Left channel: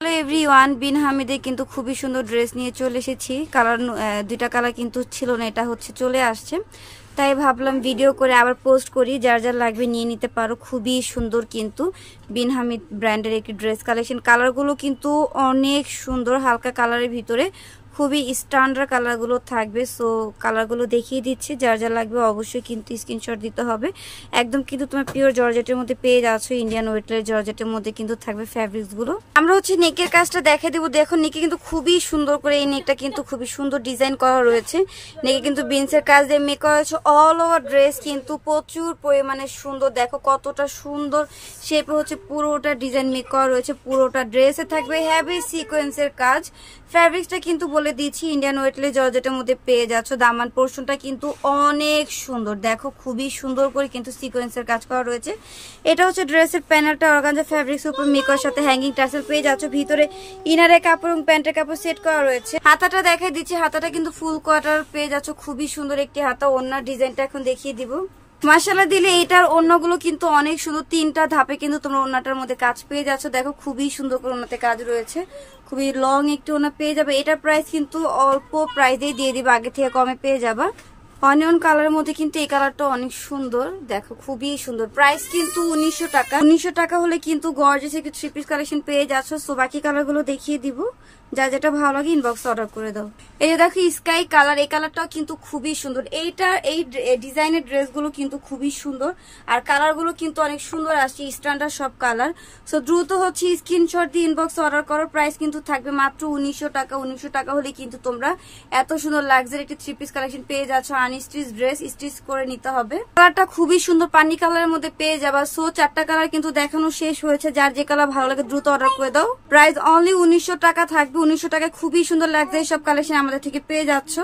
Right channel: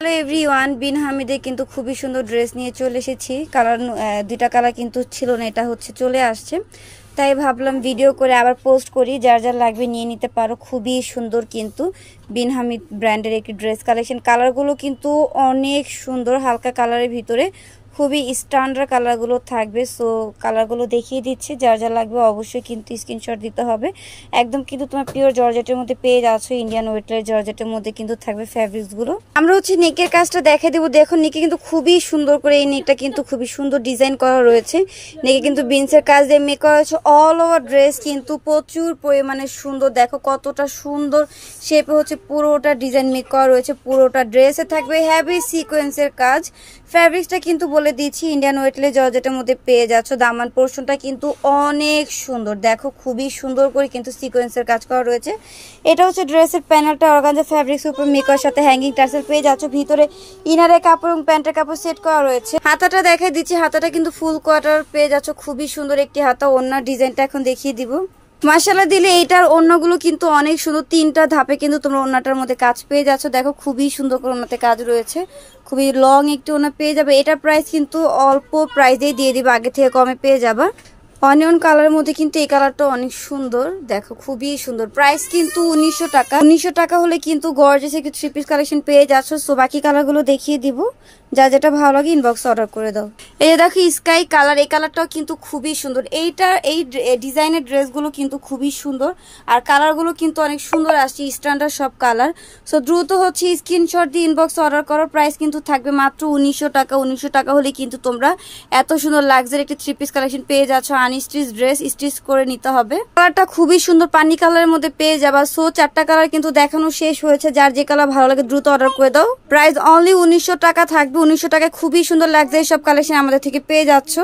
Hello everyone, বিন হামিদে কিন্তু খুবই সুন্দর ড্রেস নিয়ে চলে এসেছি। কালার দুইটা কালার কিন্তু ছিল না, এটা হচ্ছে চলে আসছে, তাই ভাবলাম ভিডিও করে আবার পোস্ট করি। যার যার লাগবে নিয়ে নিতে পারো। খুবই সুন্দর কিন্তু বিন হামিদ ব্র্যান্ডের একটি ড্রেস কালেকশন। কালারগুলো কিন্তু অনেক সুন্দর, হালকা কালারের ভিতরে খুবই স্ট্যান্ডার্ড কালারগুলো থাকবে। সো কালারগুলো দেখিয়ে দিচ্ছি, যার যা লাগবে অবশ্যই কিন্তু স্ক্রিনশট দিতে হবে। একদম কিন্তু তোমার পিওর জর্জেটের মধ্যে পেয়ে যাচ্ছ, ইন্ডিয়ান ওয়েটলের জর্জেটের মধ্যে কিন্তু থাকবে ফ্যাব্রিক্সগুলো। আমরা হচ্ছে নেকের কাজটা দেখে দেবো। দেখো নেকে কিন্তু খুবই সুন্দর করে, এই নেকটা কিন্তু খুবই সুন্দর ডিজাইন করা রয়েছে। নেকে কিন্তু বিনসের কাজ দিয়ে মেক করা হয়েছে। অল ওভার ড্রেস কিন্তু প্রচুর পরিমাণে সুন্দর। দেখো কতটা সুন্দর শেপে হচ্ছে পুরোটা ডিজাইন মেক করা রয়েছে। পুরোটা ড্রেসে থাকবে হেভি সিকোয়েন্সের কাজ। ফ্যাব্রিক্সটা কিন্তু বলে দিচ্ছি ইন্ডিয়ান ওয়েটলে জর্জেটের মধ্যে পেয়ে যাচ্ছ। দামান পোর্শনটা কিন্তু অনেক সুন্দর। দেখো খুবই সুন্দর করে কিন্তু সিকোয়েন্সের কাজ করা রয়েছে। এটা হচ্ছে ড্রেসের প্যানেলটা অর্গানজা ফ্যাব্রিক্স উপর মেকআর সাথে হ্যাঙ্গিং টার্সেল পেয়ে যাচ্ছ। ভিতরে ইনারের কাপড় এবং প্যান্টের কাপড় সেট করা রয়েছে। হাতাটা দেখাই দিচ্ছি, হাতাটা কিন্তু ফুল কোয়ার্টার পেয়ে যাচ্ছ। খুবই সুন্দর একটি হাতা। ওড়নার ডিজাইনটা এখন দেখিয়ে দিব। মাশাআল্লাহ দিলে এইটার ওড়নাগুলো কিন্তু অনেক সুন্দর। তিনটা ধাপে কিন্তু তোমরা ওড়নাটার মধ্যে কাজ পেয়ে যাচ্ছ। দেখো খুবই সুন্দর করে ওড়নাতে কাজ রয়েছে। খুবই লং একটি ওড়না পেয়ে যাবে। এটার প্রাইস কিন্তু অল্প প্রাইসেই দিয়ে দিবে, আগে থেকে কমে পেয়ে যাবা। অনিয়ন কালারের মধ্যে কিন্তু এই কালারটা অনেক সুন্দর। দেখো খুবই সুন্দর। প্রাইস কিন্তু 1900 টাকা। 1900 টাকা হলে কিন্তু গর্জিয়াস একটি থ্রি পিস কালেকশন পেয়ে যাচ্ছ। সো বাকি কালারগুলো দেখিয়ে দিব, যা যেটা ভালো লাগে ইনবক্সে অর্ডার করে দাও। এই যে দেখো স্কাই কালার, এই কালারটাও কিন্তু খুবই সুন্দর। এই ডিজাইনের ড্রেসগুলো কিন্তু খুবই সুন্দর, আর কালারগুলো কিন্তু অনেক সুন্দর আসছে, স্ট্যান্ডার্ড সব কালার। সো দ্রুত হচ্ছে স্ক্রিনশট দিয়ে ইনবক্সে অর্ডার করো। প্রাইস কিন্তু থাকবে মাত্র 1900 টাকা। 1900 টাকা হলে কিন্তু তোমরা এত সুন্দর লাক্সারি একটি থ্রি পিস কালেকশন পেয়ে যাচ্ছ। আনস্টিচ ড্রেস স্টিচ করে নিতে হবে। কালারটা খুবই সুন্দর, পানি কালারের মধ্যে পেয়ে যাবা। সো 4টা কালার কিন্তু দেখানো শেষ হয়েছে। যার যে কালার ভালো লাগে দ্রুত অর্ডার করে দাও। প্রাইস অনলি 1900 টাকা থাকবে। 1900 টাকায় খুবই সুন্দর লাগছে সব কালেকশন আমাদের থেকে পেয়ে যাচ্ছ।